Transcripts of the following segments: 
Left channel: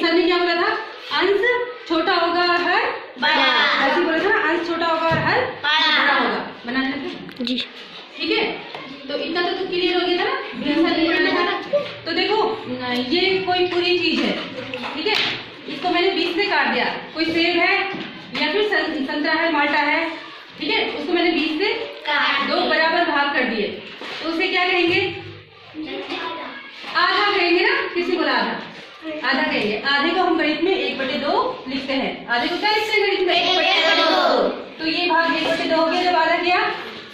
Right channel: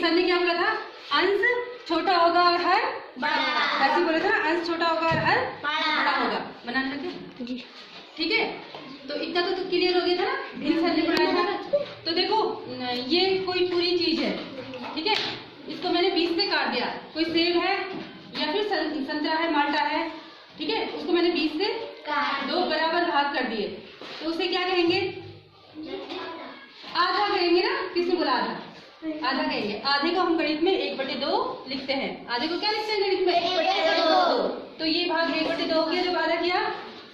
Sir ने क्या बोला था, अंश छोटा होगा और हर बड़ा, ऐसे बोला था ना, अंश छोटा होगा और हर बड़ा होगा। बनाने लगे जी, ठीक है। तो इतना तो क्लियर हो गया था ना, सर ने बनाया था। तो देखो ये कोई पूरी चीज है, ठीक है, इसको मैंने 20 से काट दिया। कोई सेब है या फिर संतरा है, माल्टा है, ठीक है, उसको मैंने 20 से दो बराबर भाग कर दिए। तो उसे क्या कहेंगे, आधा कहेंगे ना, किसी बोला आधा कहेंगे। आधे को हम गणित में 1/2 लिखते हैं। आधे को क्या लिखते हैं गणित में, 1/2। तो ये भाग 1/2 हो गया जब आधा किया,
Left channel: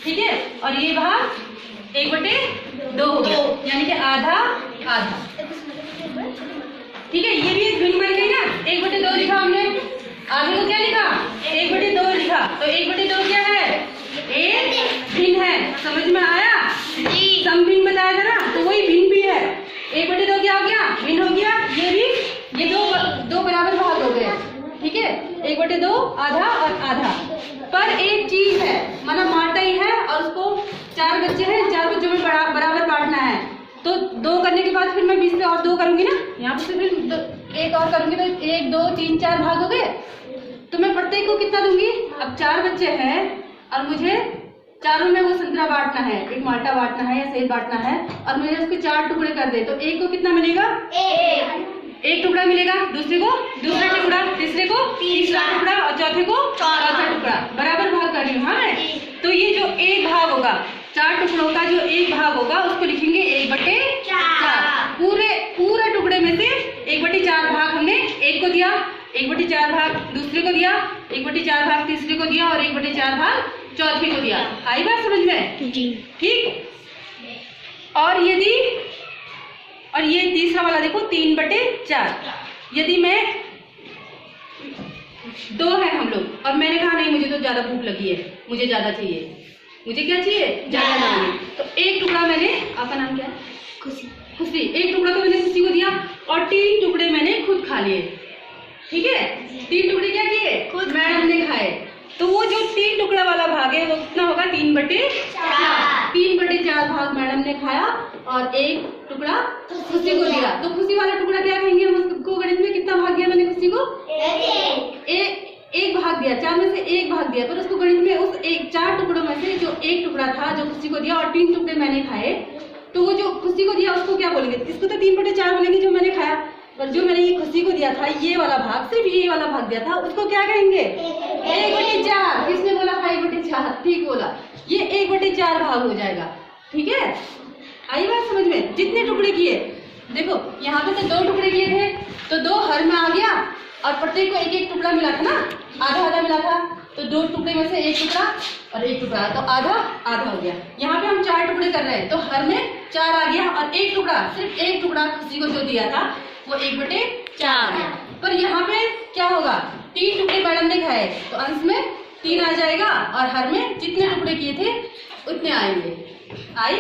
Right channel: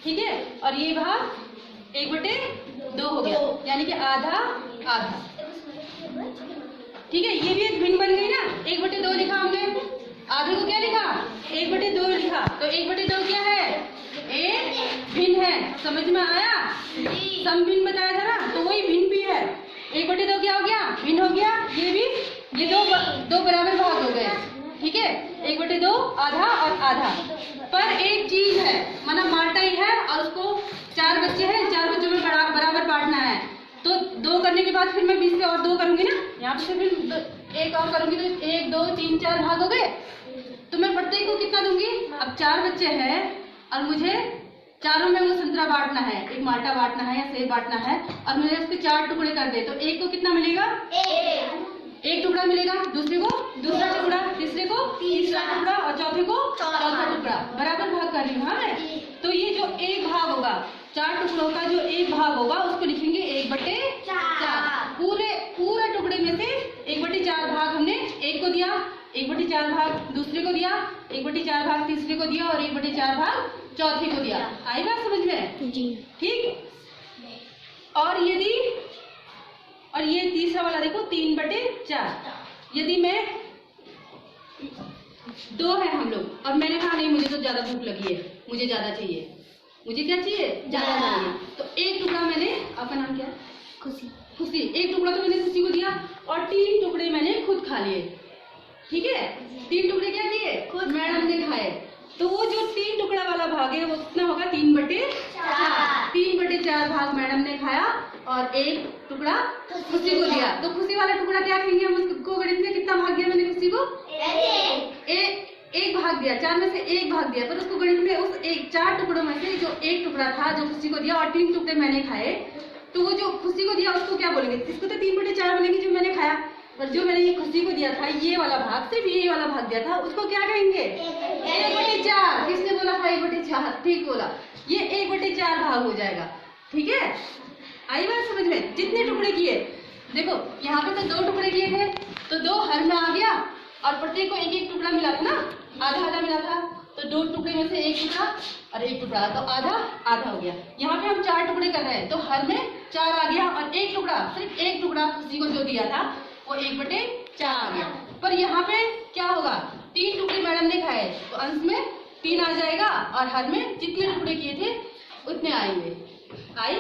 ठीक है, और ये भाग 1/2 हो गया, यानी कि आधा आधा, ठीक है। ये भी एक भिन्न बन गई ना, 1/2 लिखा हमने, आधे को क्या लिखा, 1/2 लिखा। तो 1/2 क्या है, एक भिन्न है। समझ में आया, समभिन्न बताया था ना, तो वही भिन्न भी है। 1/2 क्या हो गया, भिन्न हो गया। ये भी, ये दो बराबर भाग हो गए, ठीक है, 1/2 आधा और आधा। पर एक चीज है, माना माल्टा ही है और उसको 4 बच्चे हैं, 4 बच्चों में बराबर बांटना है। तो 2 करने के बाद फिर मैं 20 से और 2 करूंगी ना, यहाँ पे फिर 1 और करूंगी, तो 1 2 3 4 भाग हो गए। तो मैं प्रत्येक को कितना दूंगी, अब 4 बच्चे हैं और मुझे चारों में वो संतरा बांटना है, एक माल्टा बांटना है या सेब बांटना है, और मैंने उसके 4 टुकड़े कर दे। तो एक को कितना मिलेगा, एक टुकड़ा मिलेगा, दूसरे को दूसरा टुकड़ा, तीसरे को तीसरा टुकड़ा और चौथे को चौथा टुकड़ा। बराबर भाग कर रही हूँ हाँ मैं। तो ये जो एक भाग होगा, 4 टुकड़ों का जो एक भाग होगा, उसको लिखेंगे 1/4। पूरे टुकड़े में से 1/4 भाग हमने एक को दिया, 1/4 भाग दूसरे को दिया, 1/4 भाग तीसरे को दिया और 1/4 भाग चौथे को दिया। आई बात समझ में जी, ठीक। और ये तीसरा वाला देखो, 3/4। यदि मैं 2 है हम लोग और मैंने कहा नहीं मुझे तो ज्यादा भूख लगी है, मुझे ज्यादा चाहिए, मुझे क्या चाहिए, ज्यादा नाम। तो एक टुकड़ा मैंने, आपका नाम क्या है, खुशी, एक टुकड़ा तो मैंने खुशी को दिया और 3 टुकड़े मैंने खुद खा लिए, ठीक है। 3 टुकड़े क्या किए, खुद मैडम ने खाए। तो वो जो 3 टुकड़ा वाला भाग है वो कितना होगा, 3/4। 3/4 भाग मैडम ने खाया और एक टुकड़ा खुशी को दिया। तो खुशी वाला टुकड़ा क्या कहेंगे हम उसको गणित में, कितना भाग दिया मैंने खुशी को, एक भाग दिया, 4 में से 1 भाग दिया। पर उसको गणित में उस 4 टुकड़ों में से जो एक टुकड़ा था जो खुशी को दिया और 3 टुकड़े मैंने खाए, तो वो जो खुशी को दिया उसको क्या बोलेंगे, इसको तो 3/4 बोलेंगे जो मैंने खाया। पर जो मैंने ये खुशी को दिया था, ये वाला भाग, सिर्फ ये वाला भाग दिया था, उसको क्या कहेंगे, 1/4। किसने बोला था 1/4, ठीक बोला, ये 1/4 भाग हो जाएगा, ठीक है। आई बात समझ में, जितने टुकड़े किए, देखो यहाँ पे तो 2 टुकड़े किए थे, तो 2 हर में आ गया और प्रत्येक को 1-1 टुकड़ा मिला था ना, आधा मिला था। तो 2 टुकड़े में से 1 टुकड़ा और 1 टुकड़ा, तो आधा हो गया। यहाँ पे हम 4 टुकड़े कर रहे हैं, तो हर में 4 आ गया और 1 टुकड़ा, सिर्फ 1 टुकड़ा खुशी को जो दिया था वो 1/4। पर यहाँ पे क्या होगा, 3 टुकड़े मैडम ने खाए, तो अंश में 3 आ जाएगा और हर में जितने टुकड़े किए थे उतने आएंगे। आई